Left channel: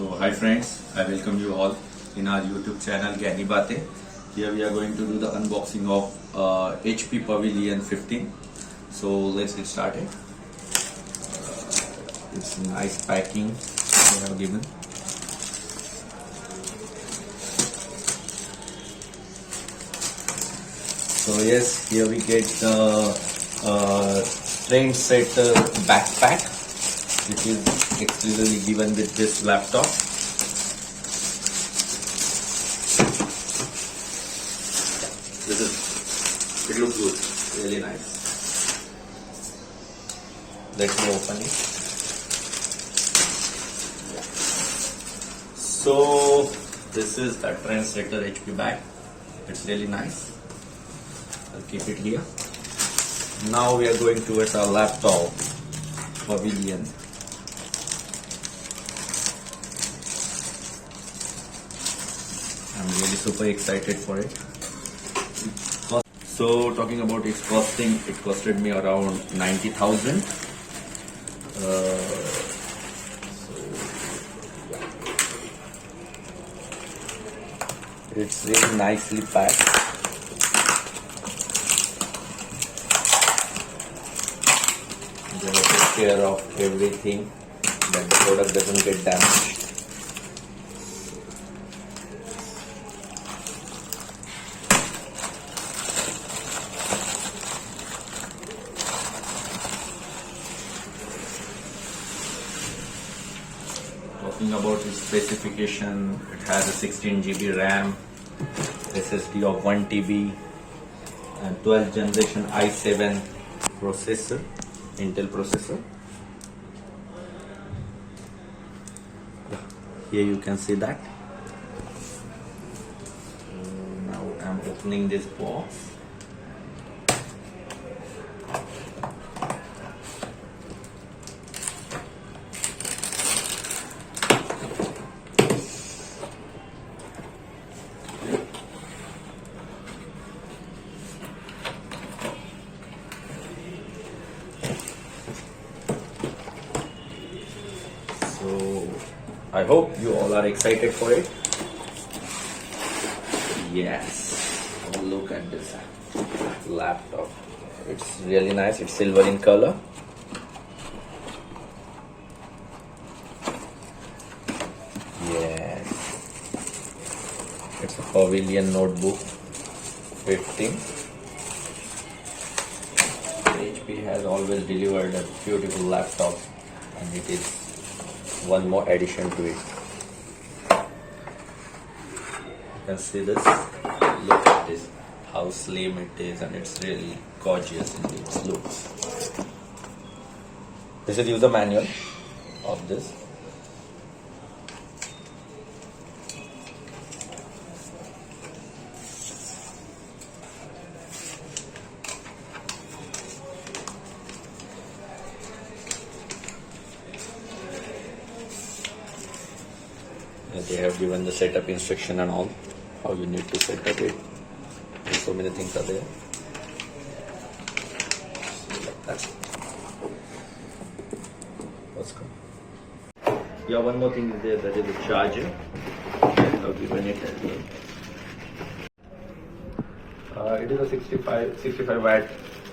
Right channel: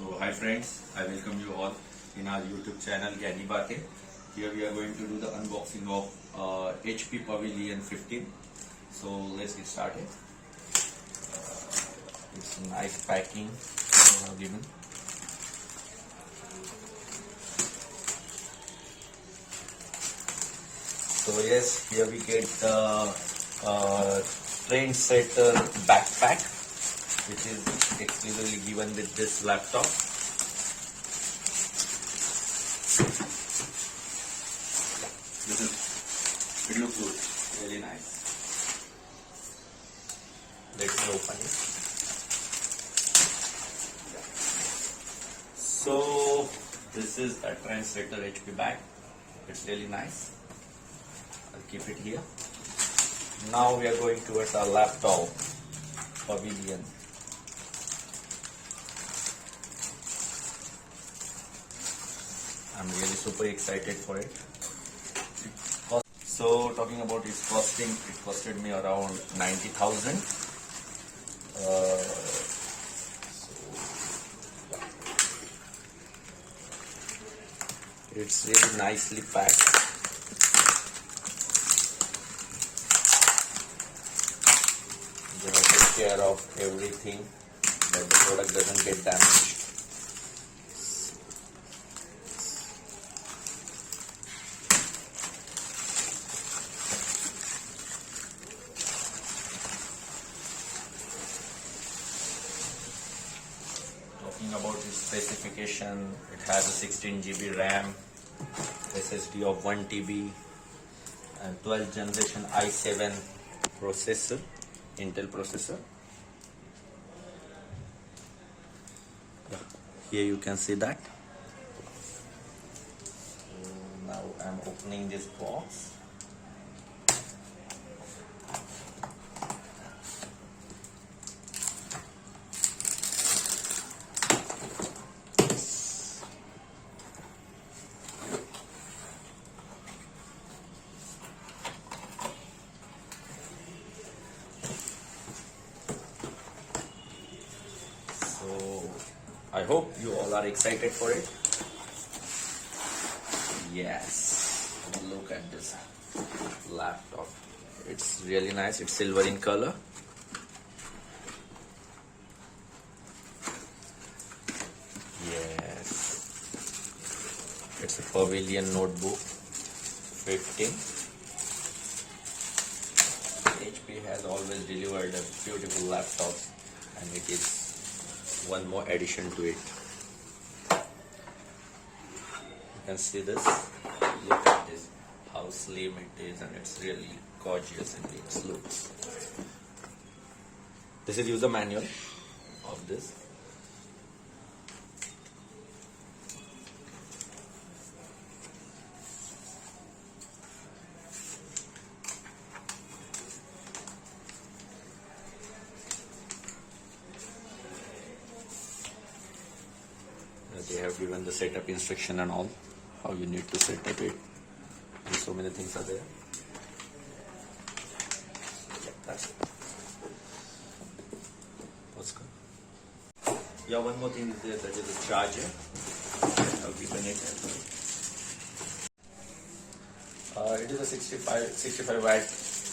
So hi friends, I welcome you all in our YouTube channel gyanibate. Here we are going to do the unboxing of HP Pavilion 15. So let's get started. It's nice packing they have given. So yes, here we get the trend set backpack, which is exclusively given with this laptop. It looks good, really nice. Let me open it. So this is the Trendsetter HP bag. It's really nice. I'll keep it here. Now we are going towards our laptop Pavilion. I'm really super excited for it. So talking about its costing, it costed me around 90,000. It's really nicely packed. They take care of everything that the product doesn't get damaged. Talking about its specification, it has a 16 GB RAM, SSD of 1 TB, and 12th generation i7 processor, Intel processor. Here you can see that. Now I'm opening this box. So I hope you all are excited for it. Yes, oh, look at this laptop. It's really nice. It's silver in color. Yes, it's a Pavilion Notebook 15. HP has always delivered a beautiful laptop, and it is one more addition to it. You can see this. Look at this, how slim it is, and it's really gorgeous in its looks. This is user manual of this. They have given the setup instruction and all, how you need to set up it. So many things are there. So like that. Let's go. Yeah, one more thing is there, that is the charger. I've given it as well. It is a 65 watt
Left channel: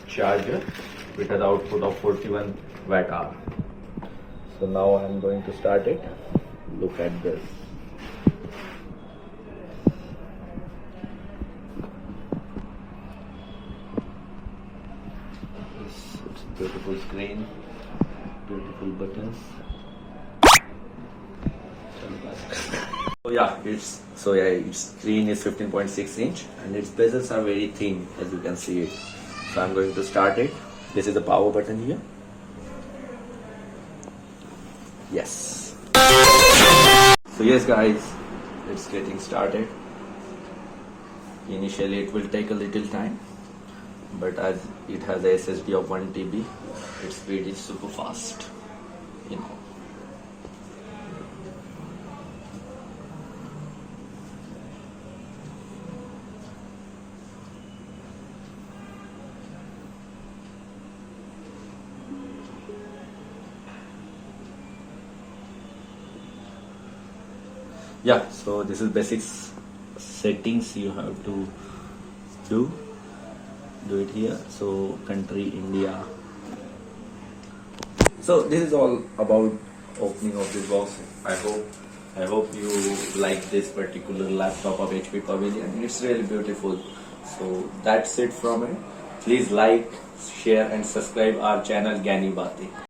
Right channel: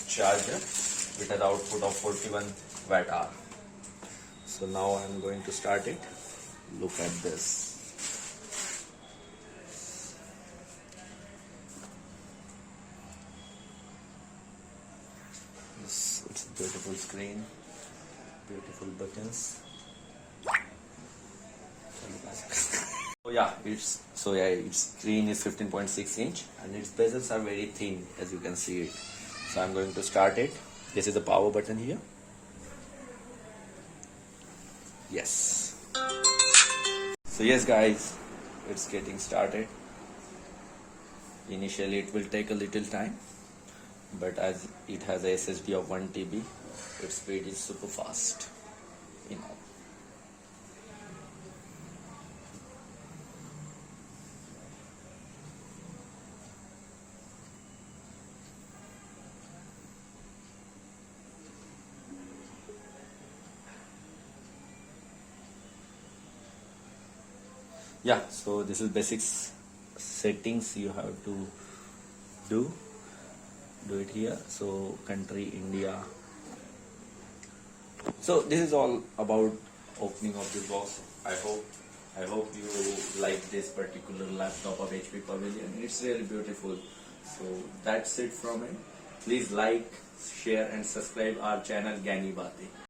charger with an output of 41 watt hour. So now I'm going to start it. Look at this. It's beautiful screen, beautiful buttons. Its screen is 15.6 inch and its bezels are very thin, as you can see it. So I'm going to start it. This is the power button here. Yes. So yes guys, it's getting started. Initially it will take a little time, but as it has a SSD of 1 TB, its speed is super fast, you know. Yeah, so this is basics settings you have to do it here. So country India. So this is all about opening of this box. I hope you like this particular laptop of HP Pavilion. It's really beautiful. So that's it from it. Please like, share and subscribe our channel gyanibate.